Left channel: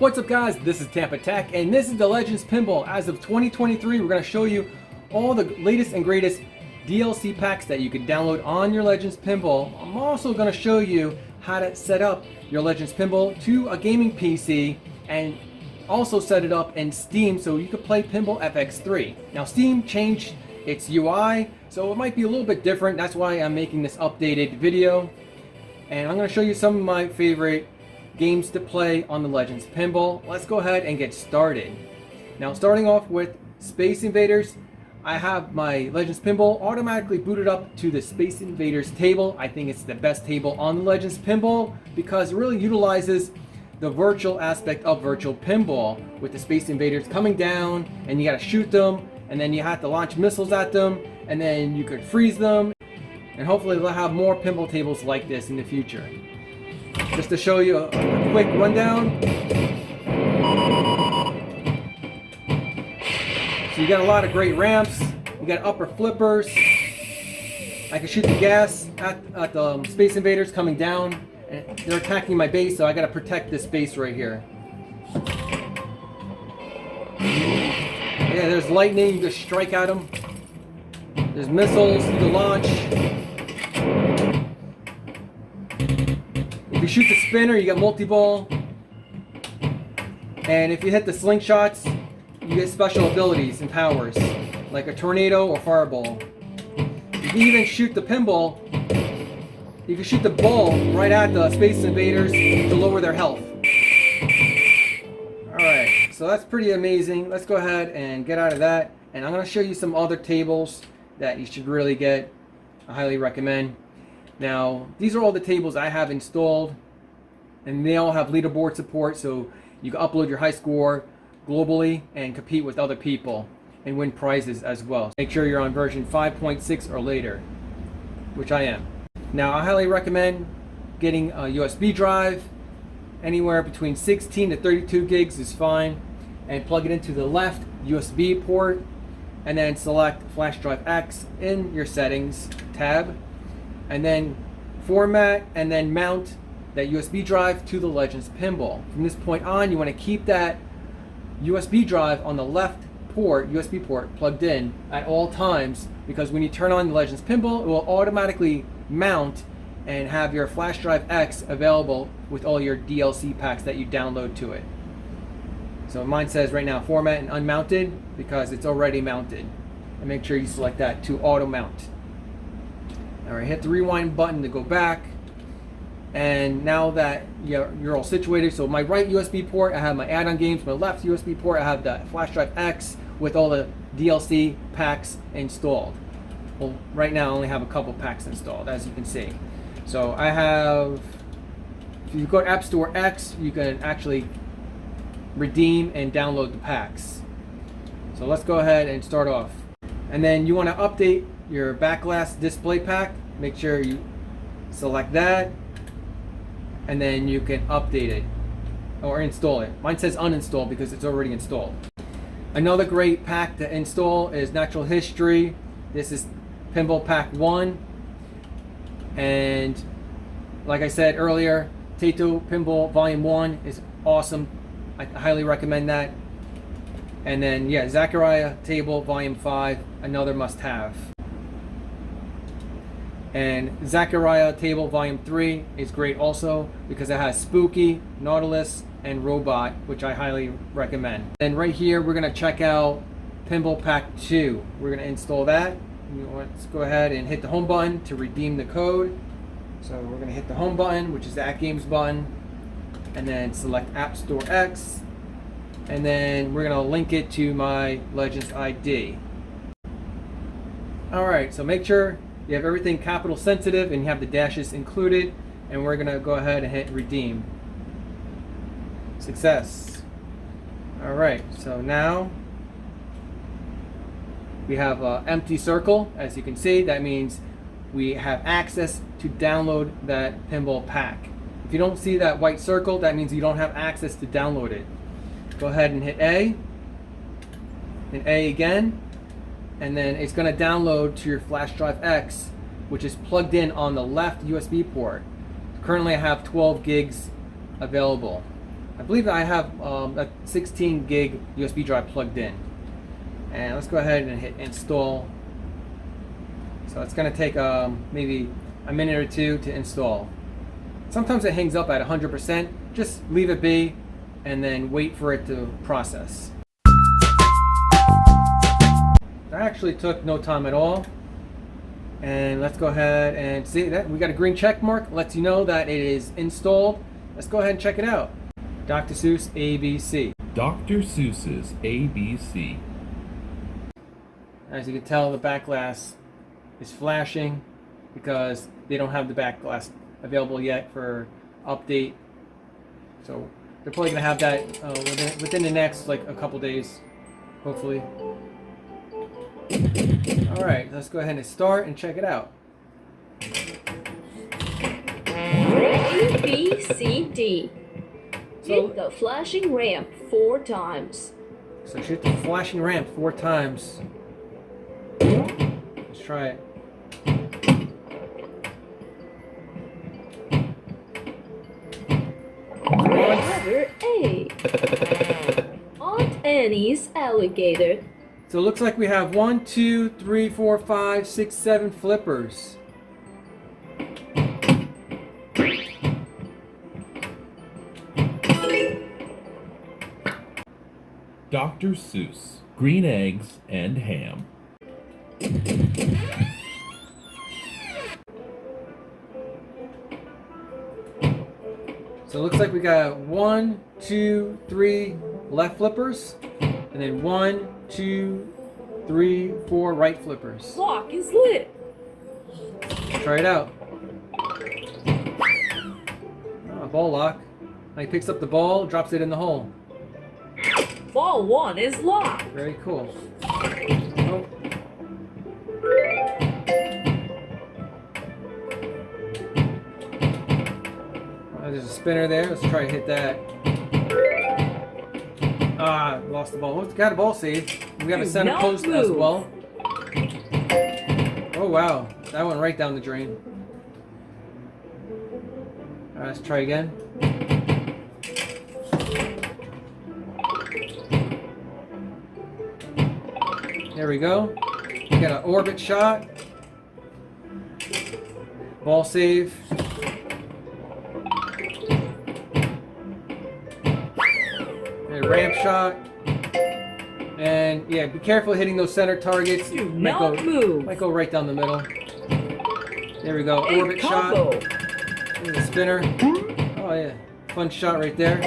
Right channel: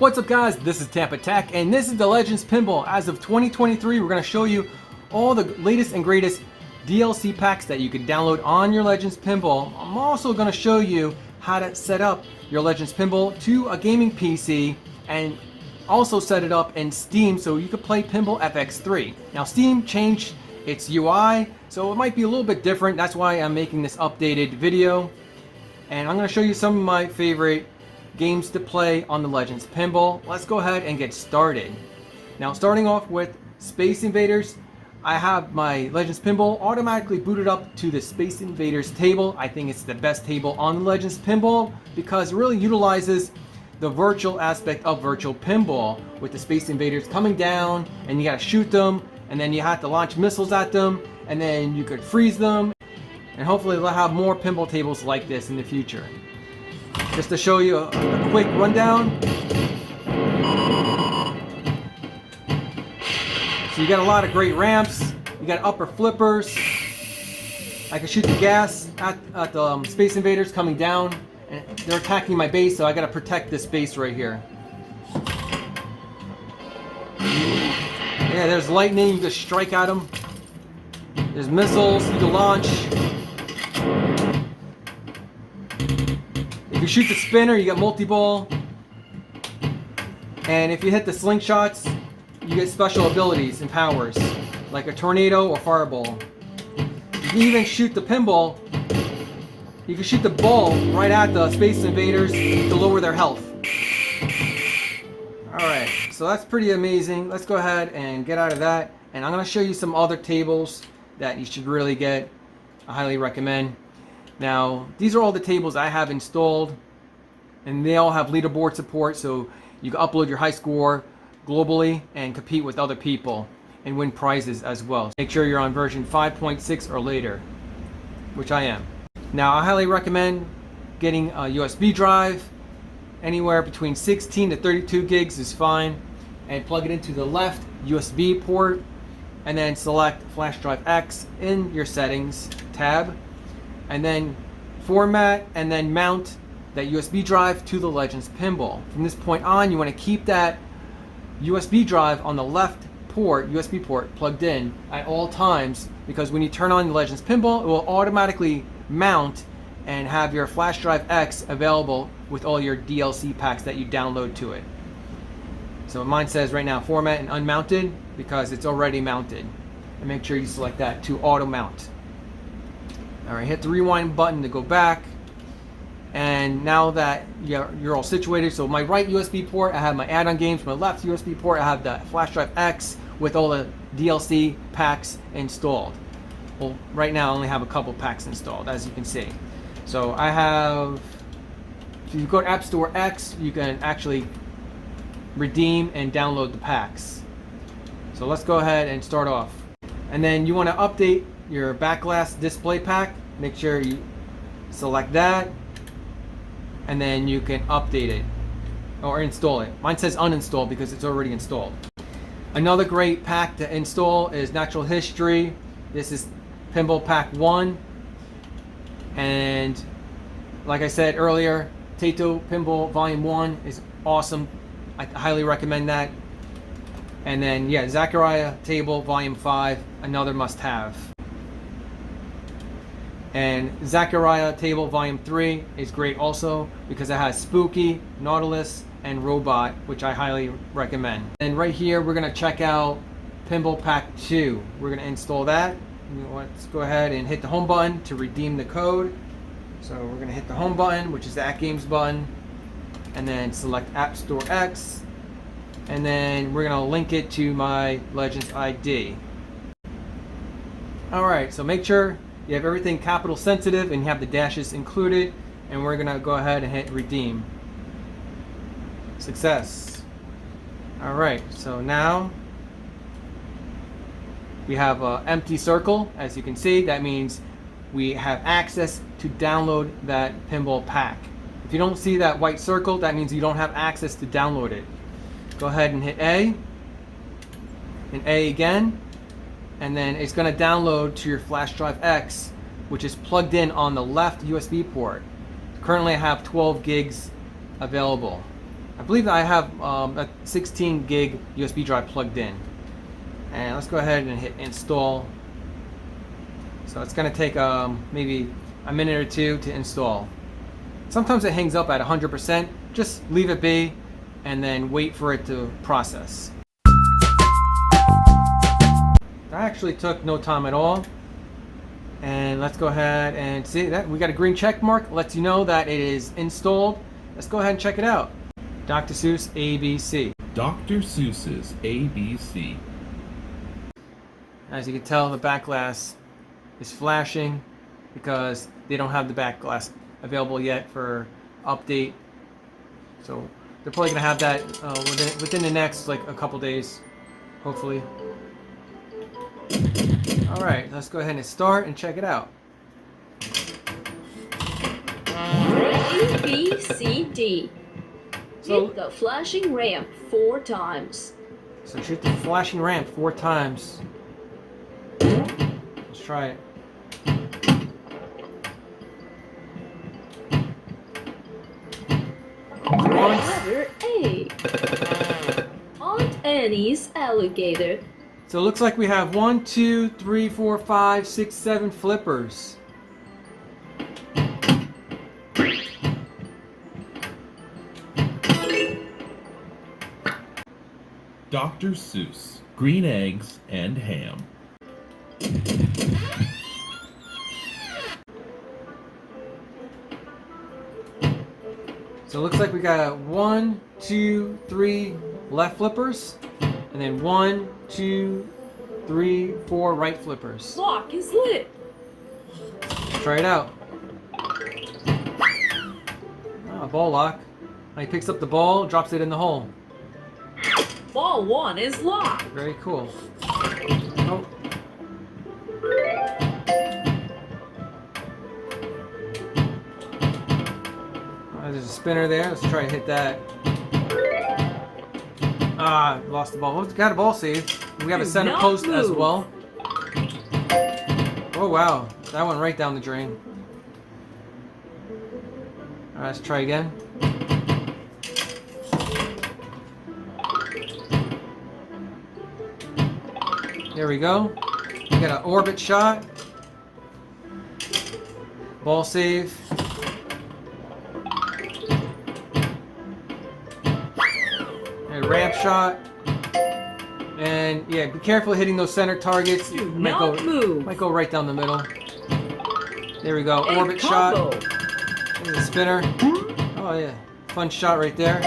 What's up guys, this is TampaTec and this is the Legends Pinball. As of 2023, we're going to show you all the latest and greatest DLC packs that you can download on your Legends Pinball. I'm also going to show you how to set up your Legends Pinball to a gaming PC and also set it up in Steam so you can play Pinball FX3. Now Steam changed its UI, so it might be a little bit different. That's why I'm making this updated video. And I'm going to show you some of my favorite games to play on the Legends Pinball. Let's go ahead and get started. Now starting off with Space Invaders, I have my Legends Pinball automatically booted up to the Space Invaders table. I think it's the best table on the Legends Pinball because it really utilizes the virtual aspect of virtual pinball with the Space Invaders coming down and you gotta shoot them and then you have to launch missiles at them and then you could freeze them, and hopefully they'll have more pinball tables like this in the future. Just to show you a quick rundown. So you got a lot of great ramps. You got upper flippers. I can shoot the gas at the Space Invaders coming down. And they're attacking my base, so I got to protect this base right here. Yeah, there's lightning. You just strike at them. There's missiles you can launch. If you shoot the spinner, you get multi-ball. And if you hit the slingshots, you get special abilities and powers, like a tornado or fireball. You can even shoot the pinball. You can shoot the ball right at the Space Invaders to lower their health. Alright, so that's pretty amazing. Let's go ahead and get out of that. And I'm going to show you some other tables that you should really get. I highly recommend. Now, these are all the tables I have installed, and they all have leaderboard support, so you can upload your high score globally and compete with other people and win prizes as well. Make sure you're on version 5.6 or later, which I am. Now, I highly recommend getting a USB drive. Anywhere between 16 to 32 gigs is fine, and plug it into the left USB port, and then select Flash Drive X in your settings tab. And then format and then mount that USB drive to the Legends Pinball. From this point on, you want to keep that USB drive on the left port, USB port, plugged in at all times, because when you turn on the Legends Pinball, it will automatically mount and have your Flash Drive X available with all your DLC packs that you download to it. So mine says right now format and unmounted because it's already mounted. And make sure you select that to auto mount. Alright, hit the rewind button to go back. And now that you're all situated, so my right USB port, I have my add-on games. My left USB port, I have the Flash Drive X with all the DLC packs installed. Well, right now I only have a couple packs installed, as you can see. So I have, if you go to App Store X, you can actually redeem and download the packs. So let's go ahead and start off. And then you want to update your backglass display pack. Make sure you select that, and then you can update it or install it. Mine says uninstall because it's already installed. Another great pack to install is Natural History. This is Pinball Pack 1, and like I said earlier, Taito Pinball Volume 1 is awesome. I highly recommend that. And then yeah, Zachariah Table Volume 5, another must-have. And Zachariah Table Volume 3 is great also because it has Spooky, Nautilus, and Robot, which I highly recommend. And right here we're going to check out Pinball Pack 2. We're going to install that. Let's go ahead and hit the home button to redeem the code. So we're going to hit the home button, which is the At Games button, and then select App Store X. And then we're going to link it to my Legends ID. Alright, so make sure you have everything capital sensitive and you have the dashes included, and we're going to go ahead and hit redeem. Success. Alright, so now we have an empty circle. As you can see, that means we have access to download that pinball pack. If you don't see that white circle, that means you don't have access to download it. Go ahead and hit A, and A again, and then it's going to download to your Flash Drive X, which is plugged in on the left USB port. Currently I have 12 gigs available. I believe I have a 16 gig USB drive plugged in. And let's go ahead and hit install. So it's going to take maybe a minute or two to install. Sometimes it hangs up at 100%. Just leave it be and then wait for it to process. That actually took no time at all. And let's go ahead and see that we got a green check mark. Lets you know that it is installed. Let's go ahead and check it out. Dr.Suess ABC. Dr.Suess's ABC. As you can tell, the back glass is flashing because they don't have the back glass available yet for update. So they're probably going to have that within the next like a couple days, hopefully. Alright, let's go ahead and start and check it out. A, B, C, D. Hit the flashing ramp 4 times. So shoot the flashing ramp 4 times. Let's try it. Letter A. Aunt Annie's alligator. So it looks like we have 1, 2, 3, 4, 5, 6, 7 flippers. Dr.Suess, green eggs and ham. So it looks like we got 1, 2, 3 left flippers, and then 1, 2, 3, 4 right flippers. Lock is lit. Try it out. Oh, ball lock. He picks up the ball, drops it in the hole. Ball 1 is locked. Very cool. Oh. Oh, there's a spinner there. Let's try to hit that. Ah, lost the ball. Got a ball save. We have a center post as well. Oh wow, that went right down the drain. Alright, let's try again. There we go. We got an orbit shot. Ball save. And ramp shot. And yeah, be careful hitting those center targets. Might go right down the middle. There we go. Orbit shot. There's a spinner. Oh yeah. Fun shot right there.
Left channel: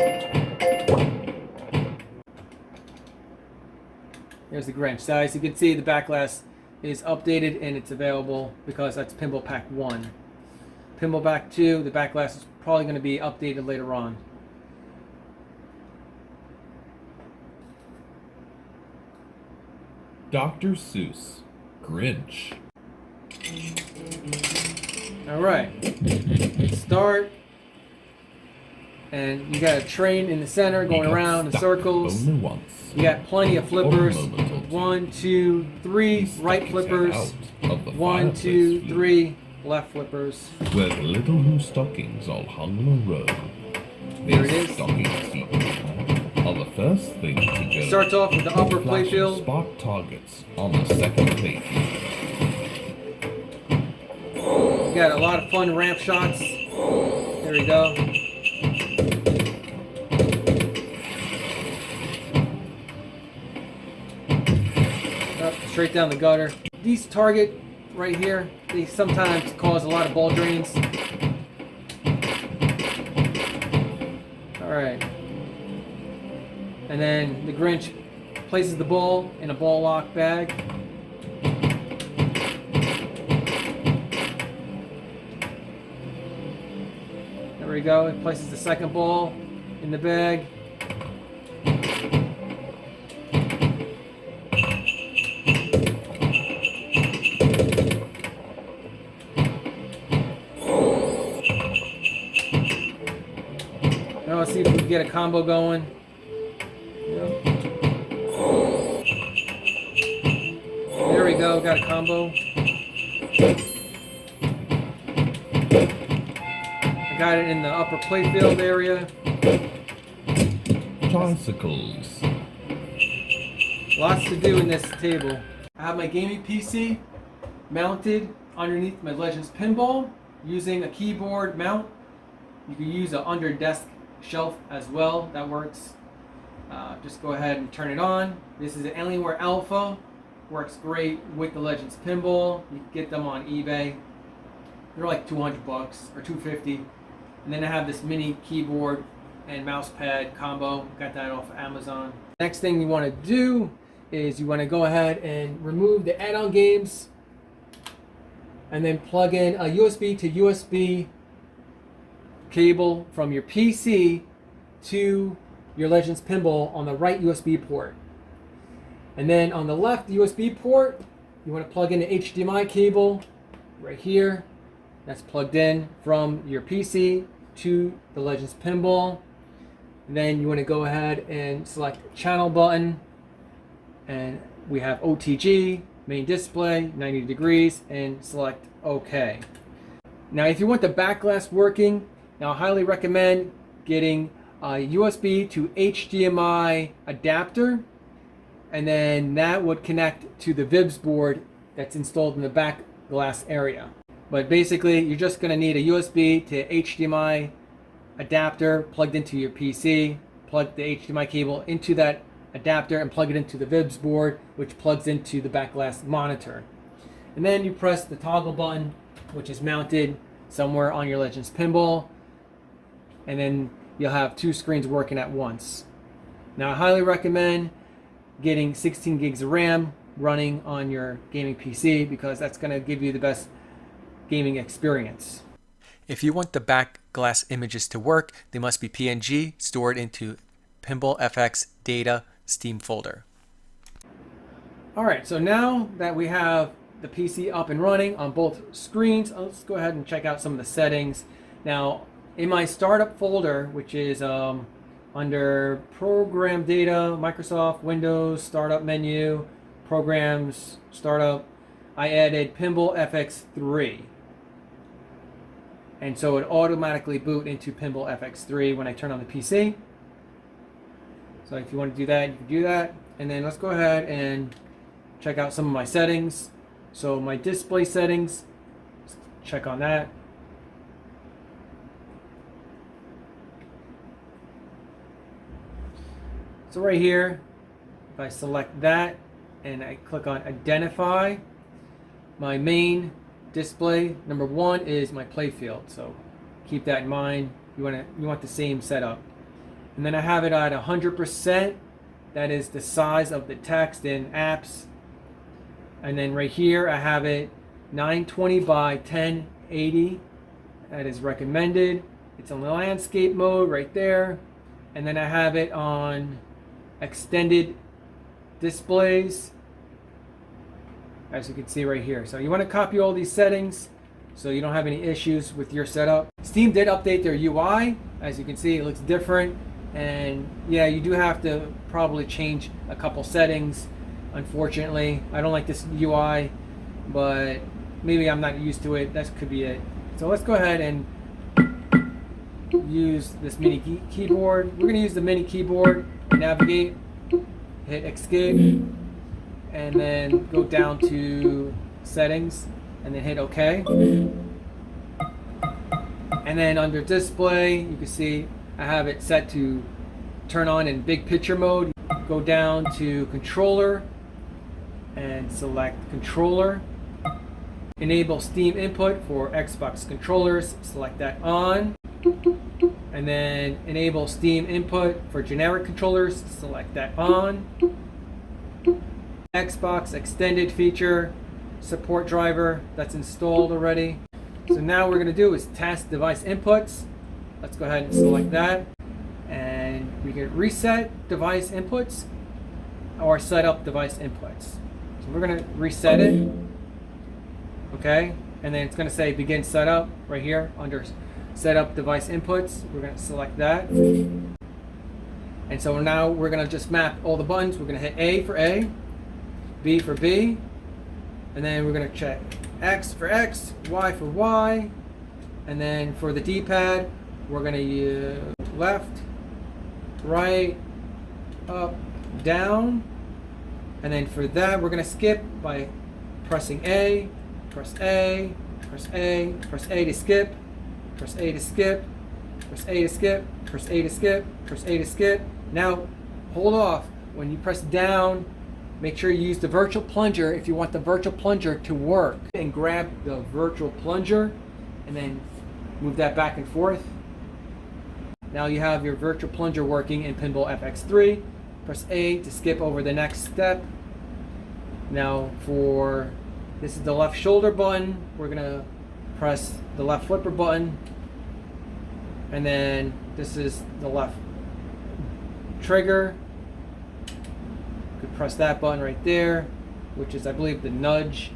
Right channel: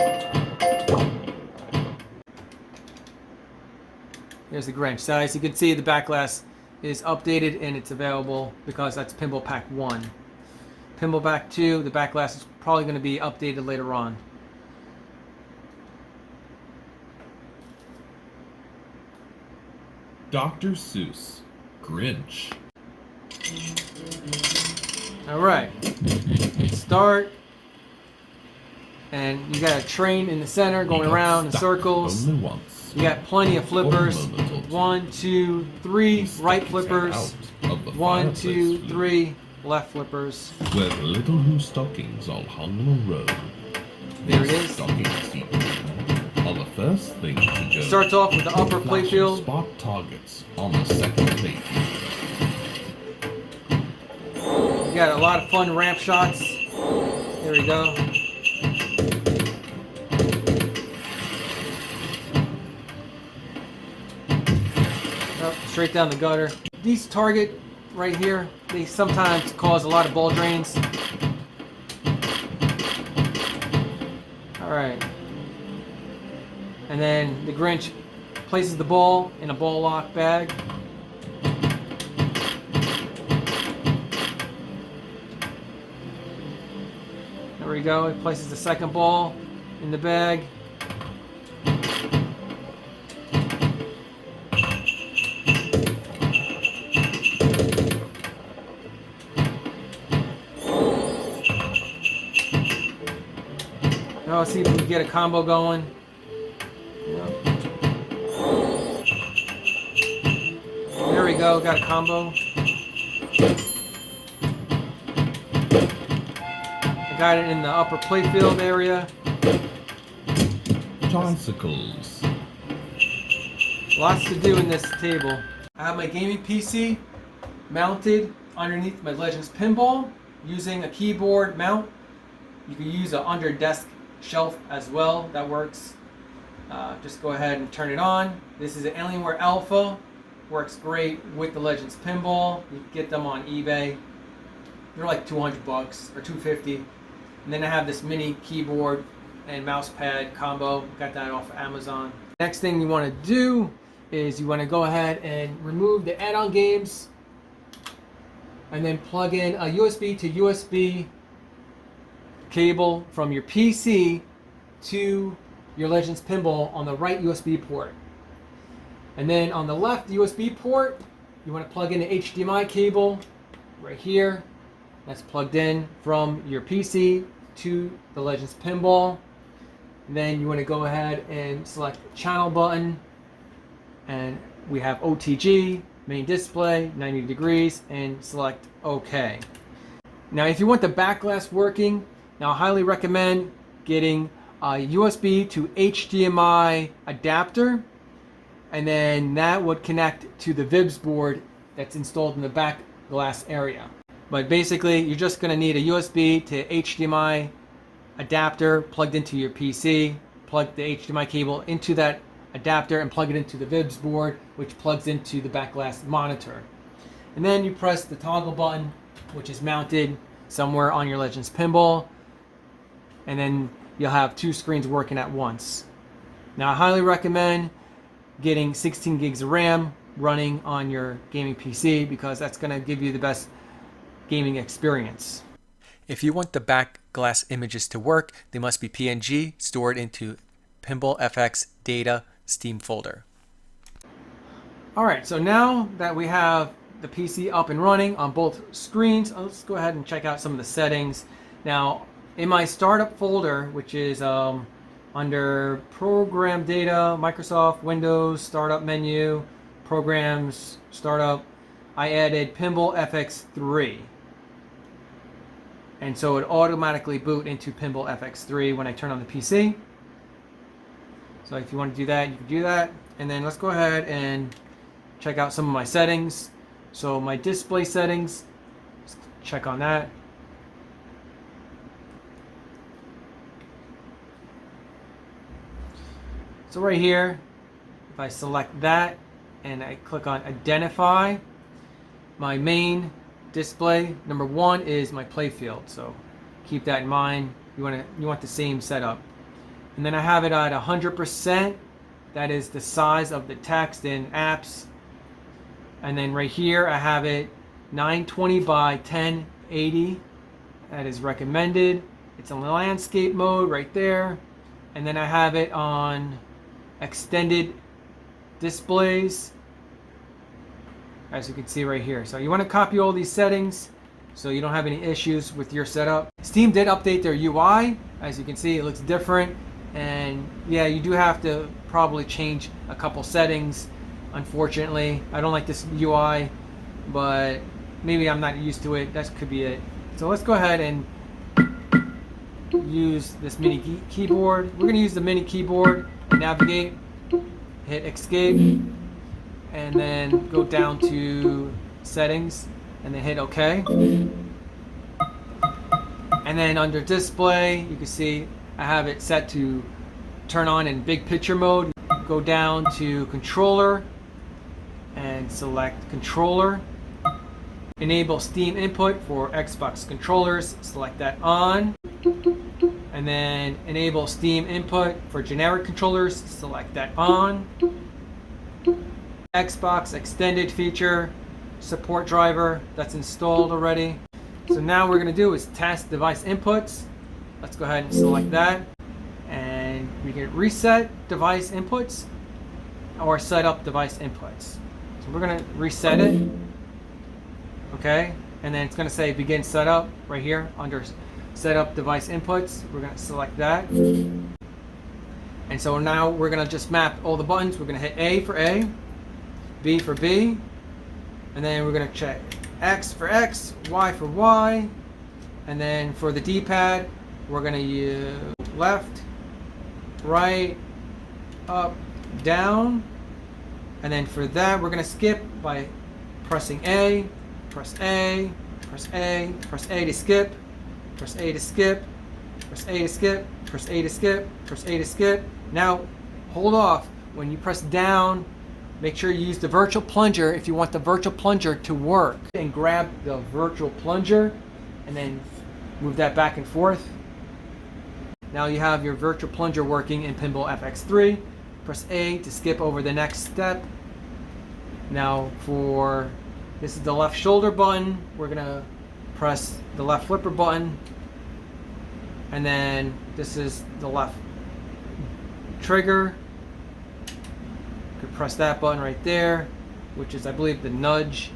There's the Grinch. So as you can see, the back glass is updated and it's available because that's Pinball Pack 1. Pinball Pack 2, the back glass is probably going to be updated later on. Dr.Suess, Grinch. Alright. Start. And you got a train in the center going around in circles. Only once. You got plenty of flippers. 1, 2, 3 right flippers. 1, 2, 3 left flippers. Where the little blue stockings all hung in a row. There it These is. stockings are the first thing to go. Starts off with the upper playfield. Spot targets on the second page. You got a lot of fun ramp shots. There we go. Straight down the gutter. These target right here, they sometimes cause a lot of ball drains. Alright. And then the Grinch places the ball in a ball lock bag. There we go. He places the second ball in the bag. Let's see if we can get a combo going. Yep. There we go, got a combo. I got it in the upper playfield area. tricycles. Lots to do in this table. I have my gaming PC mounted underneath my Legends Pinball using a keyboard mount. You can use an under desk shelf as well, that works. Just go ahead and turn it on. This is an Alienware Alpha. Works great with the Legends Pinball. You can get them on eBay. They're like $200 or $250. And then I have this mini keyboard and mouse pad combo. Got that off Amazon. Next thing you want to do is you want to go ahead and remove the add-on games and then plug in a USB to USB cable from your PC to your Legends Pinball on the right USB port. And then on the left USB port, you want to plug in the HDMI cable right here. That's plugged in from your PC to the Legends Pinball. And then you want to go ahead and select the channel button. And we have OTG, main display, 90 degrees, and select OK. Now if you want the back glass working, now I highly recommend getting a USB to HDMI adapter, and then that would connect to the VIBS board that's installed in the back glass area. But basically you're just going to need a USB to HDMI adapter plugged into your PC, plug the HDMI cable into that adapter and plug it into the VIBS board, which plugs into the back glass monitor. And then you press the toggle button, which is mounted somewhere on your Legends Pinball, and then you'll have two screens working at once. Now I highly recommend getting 16 gigs of RAM running on your gaming PC because that's going to give you the best gaming experience. If you want the back glass images to work, they must be PNG stored into Pinball FX data Steam folder. Alright, so now that we have the PC up and running on both screens, let's go ahead and check out some of the settings. Now in my startup folder, which is under Program Data, Microsoft, Windows, Startup Menu, Programs, Startup, I added Pinball FX3. And so it automatically boot into Pinball FX3 when I turn on the PC. So if you want to do that, you can do that. And then let's go ahead and check out some of my settings. So my display settings, let's check on that. So right here, if I select that and I click on identify, my main display number 1 is my playfield. So keep that in mind. You want the same setup. And then I have it at 100%. That is the size of the text in apps. And then right here I have it 920 by 1080. That is recommended. It's in landscape mode right there. And then I have it on extended displays, as you can see right here. So you want to copy all these settings so you don't have any issues with your setup. Steam did update their UI. As you can see, it looks different. And yeah, you do have to probably change a couple settings. Unfortunately, I don't like this UI, but maybe I'm not used to it. That could be it. So let's go ahead and use this mini keyboard. We're going to use the mini keyboard, navigate, hit escape, and then go down to settings and then hit OK. And then under display, you can see I have it set to turn on in big picture mode. Go down to controller and select controller. Enable Steam input for Xbox controllers, select that on. And then enable Steam input for generic controllers, select that on. Xbox extended feature, support driver, that's installed already. So now what we're going to do is test device inputs. Let's go ahead and select that. And you can reset device inputs or set up device inputs. So we're going to reset it. Okay, and then it's going to say begin setup right here under setup device inputs. We're going to select that. And so now we're going to just map all the buttons. We're going to hit A for A, B for B, and then we're going to check X for X, Y for Y, and then for the D-pad we're going to use left, right, up, down. And then for that, we're going to skip by pressing A, press A, press A, press A to skip, press A to skip, press A to skip, press A to skip, press A to skip. Now, hold off. When you press down, make sure you use the virtual plunger if you want the virtual plunger to work. And grab the virtual plunger and then move that back and forth. Now you have your virtual plunger working in Pinball FX3. Press A to skip over the next step. Now this is the left shoulder button. We're gonna press the left flipper button. And then this is the left trigger. You could press that button right there, which is, I believe, the nudge.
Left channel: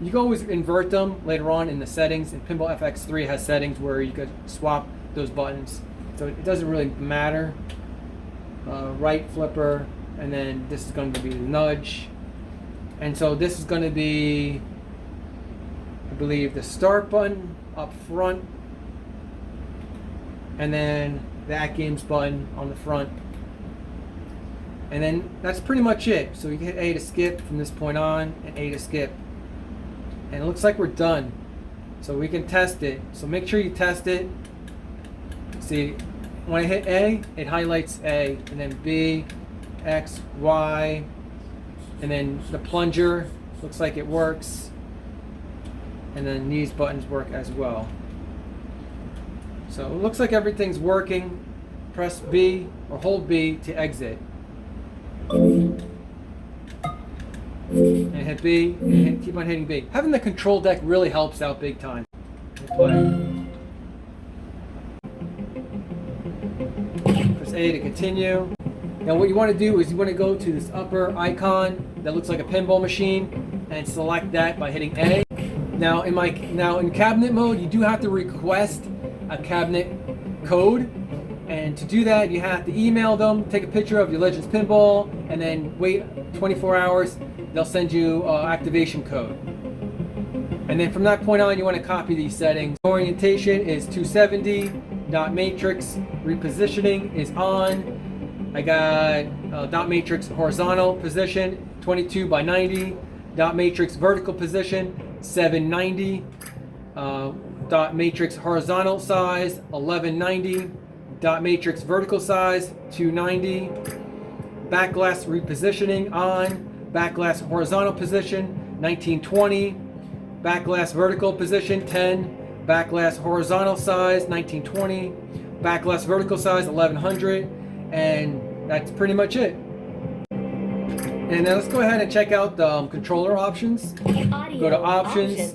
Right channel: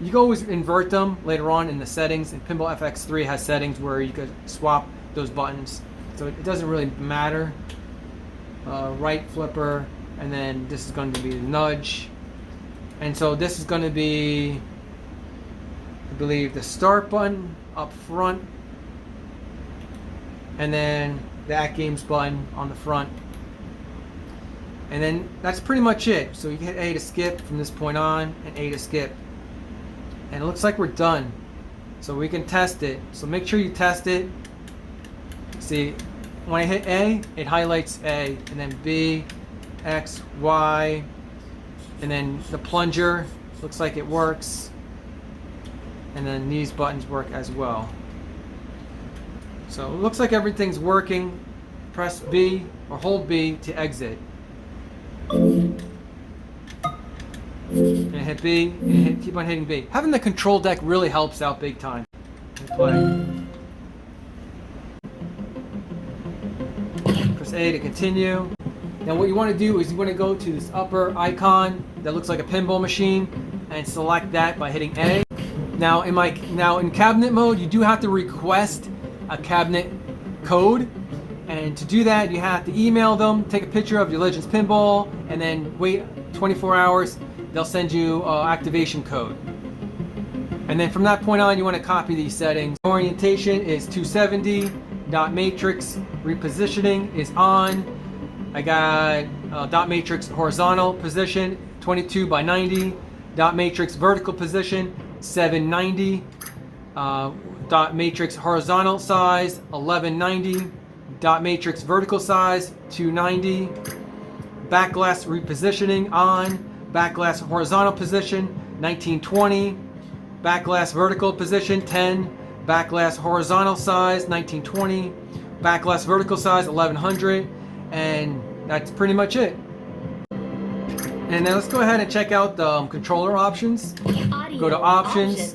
You can always invert them later on in the settings. And Pinball FX3 has settings where you could swap those buttons. So it doesn't really matter. Right flipper, and then this is going to be the nudge. And so this is going to be, I believe, the start button up front, and then the At Games button on the front. And then that's pretty much it. So you can hit A to skip from this point on, and A to skip. And it looks like we're done. So we can test it. So make sure you test it. See, when I hit A, it highlights A, and then B, X, Y, and then the plunger looks like it works, and then these buttons work as well. So it looks like everything's working. Press B or hold B to exit. And hit B, and keep on hitting B. Having the control deck really helps out big time. Press A to continue. Now what you want to do is you want to go to this upper icon that looks like a pinball machine and select that by hitting A. Now in cabinet mode, you do have to request a cabinet code, and to do that you have to email them, take a picture of your Legends Pinball, and then wait 24 hours. They'll send you activation code. And then from that point on, you want to copy these settings. Orientation is 270. Dot matrix repositioning is on. I got dot matrix horizontal position 22 by 90. Dot matrix vertical position 790. Dot matrix horizontal size 1190. Dot matrix vertical size 290. Backglass repositioning on. Backglass horizontal position 1920. Backglass vertical position 10. Backglass horizontal size 1920. Backglass vertical size 1100. And that's pretty much it. And then let's go ahead and check out the controller options. Go to options.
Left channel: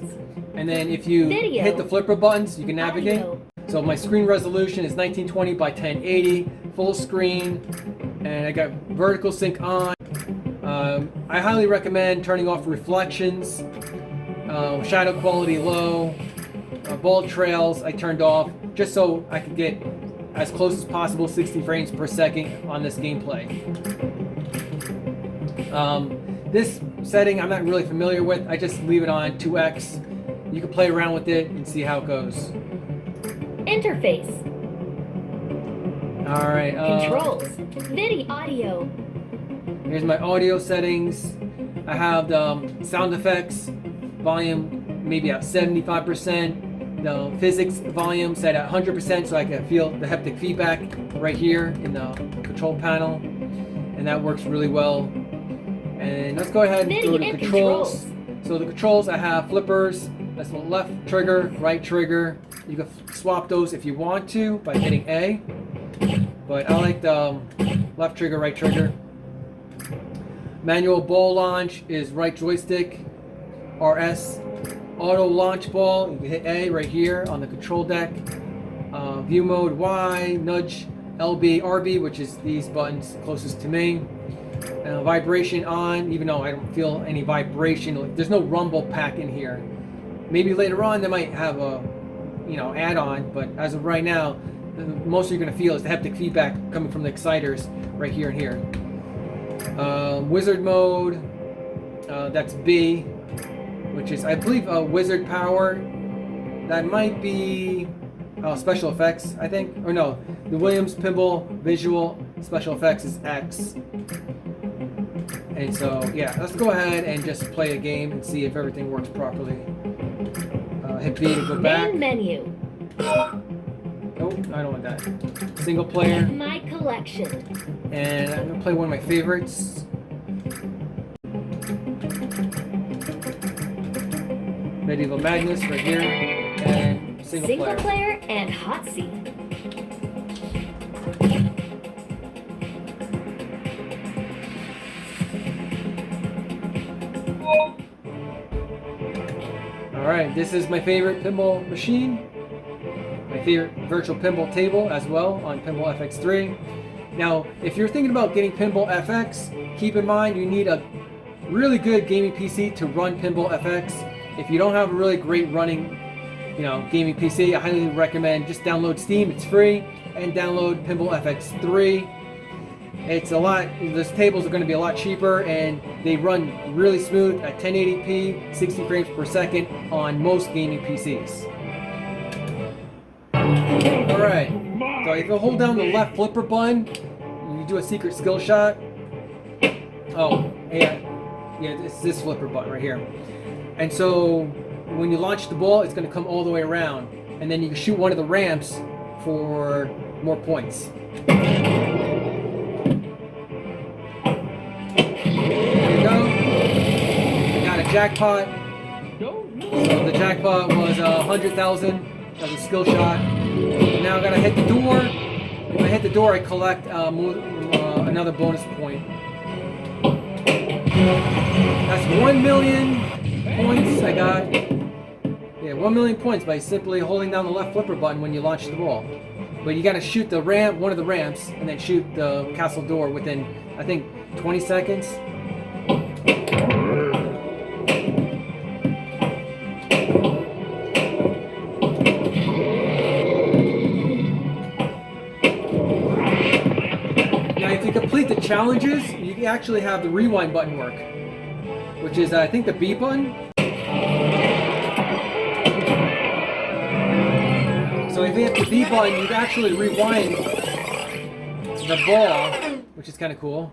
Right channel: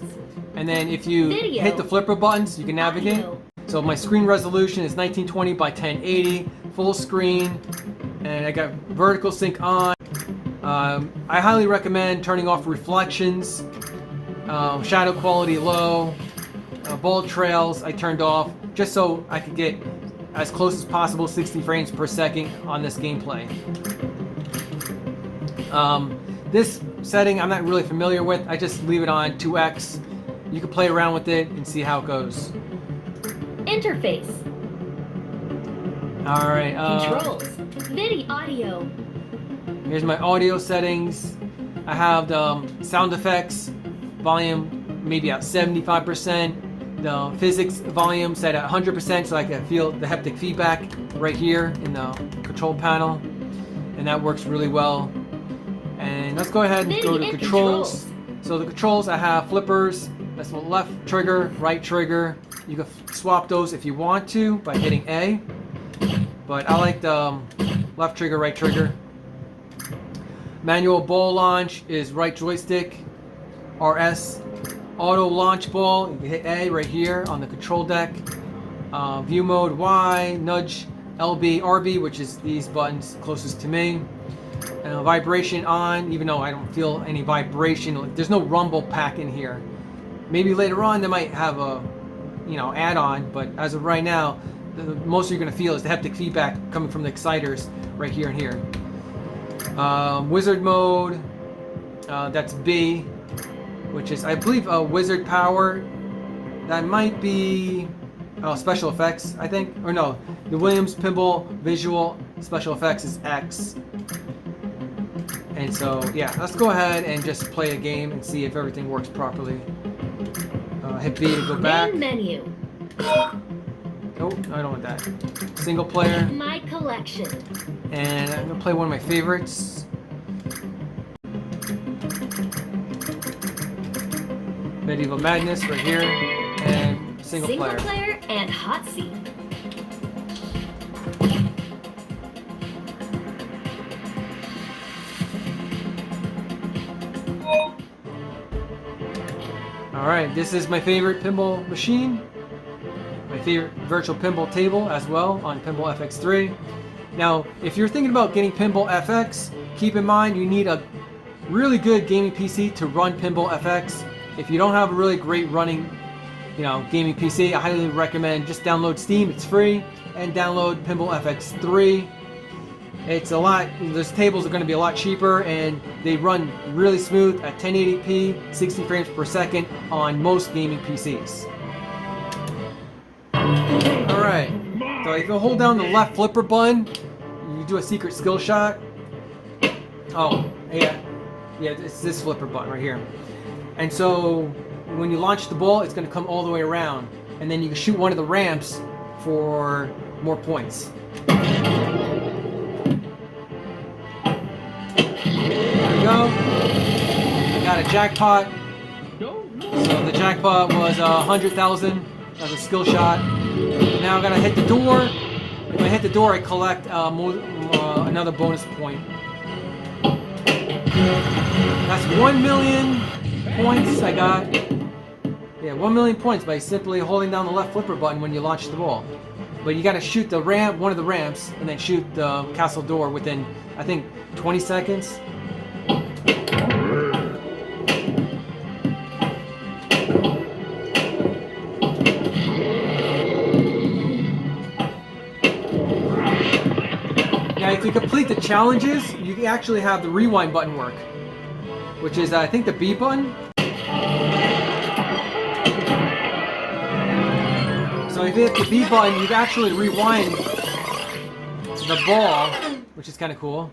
And then if you hit the flipper buttons, you can navigate. So my screen resolution is 1920 by 1080, full screen, and I got vertical sync on. I highly recommend turning off reflections, shadow quality low, ball trails I turned off just so I could get as close as possible 60 frames per second on this gameplay. This setting I'm not really familiar with. I just leave it on 2x. You can play around with it and see how it goes. Interface. Alright. Controls. Video audio. Here's my audio settings. I have the sound effects volume maybe at 75%. The physics volume set at 100% so I can feel the haptic feedback right here in the control panel. And that works really well. And let's go ahead and go to controls. So the controls, I have flippers. That's the left trigger, right trigger. You can swap those if you want to by hitting A. But I like the left trigger, right trigger. Manual ball launch is right joystick, RS. Auto launch ball, you can hit A right here on the control deck. View mode Y, nudge LB, RB, which is these buttons closest to me. Vibration on, even though I don't feel any vibration. There's no rumble pack in here. Maybe later on they might have a, add-on, but as of right now, the most you're going to feel is the haptic feedback coming from the exciters right here and here. Wizard mode, that's B, which is, I believe, a wizard power. That might be special effects, I think. Or no, the Williams Pinball Visual Special Effects is X. And so, yeah, let's go ahead and just play a game and see if everything works properly. Hit B to go back. Main menu. Oh, I don't want that. Single player. My collection. And I'm gonna play one of my favorites. Medieval Madness right here. And single player and hot seat. Alright, this is my favorite pinball machine. My favorite virtual pinball table as well on Pinball FX3. Now, if you're thinking about getting Pinball FX, keep in mind you need a really good gaming PC to run Pinball FX. If you don't have a really great running, gaming PC, I highly recommend just download Steam, it's free, and download Pinball FX3. It's these tables are going to be a lot cheaper, and they run really smooth at 1080p, 60 frames per second on most gaming PCs. Alright, so if you hold down the left flipper button, you do a secret skill shot. Oh, yeah, it's this flipper button right here. And so when you launch the ball, it's going to come all the way around, and then you can shoot one of the ramps for more points. Jackpot. So the jackpot was 100,000 as a skill shot. Now I'm gonna hit the door. If I hit the door, I collect another bonus point. That's 1 million points I got. Yeah, 1 million points by simply holding down the left flipper button when you launch the ball. But you gotta shoot the ramp, one of the ramps, and then shoot the castle door within, I think, 20 seconds. If you complete the challenges, you can actually have the rewind button work, which is, I think, the B button. So if you hit the B button, you can actually rewind the ball, which is kind of cool.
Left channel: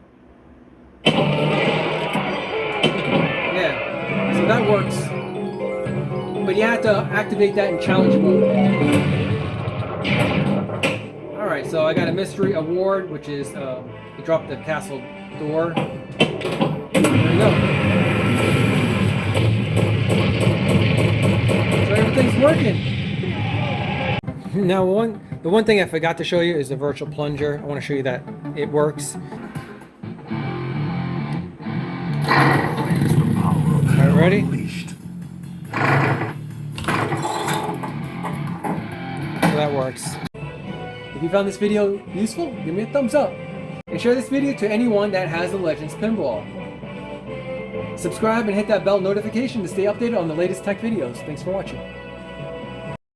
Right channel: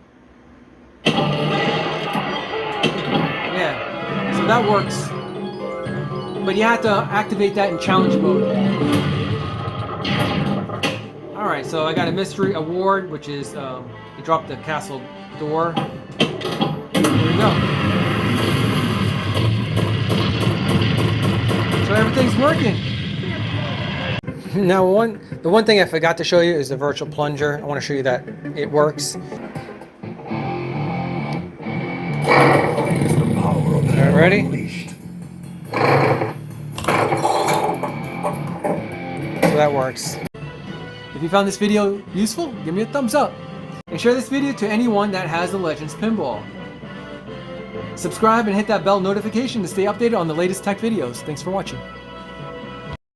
Yeah, so that works. But you have to activate that in challenge mode. Alright, so I got a mystery award, which is you drop the castle door. There we go. So everything's working. Now the one thing I forgot to show you is the virtual plunger. I want to show you that it works. Alright, ready? So that works. If you found this video useful, give me a thumbs up. And share this video to anyone that has the Legends Pinball. Subscribe and hit that bell notification to stay updated on the latest tech videos. Thanks for watching.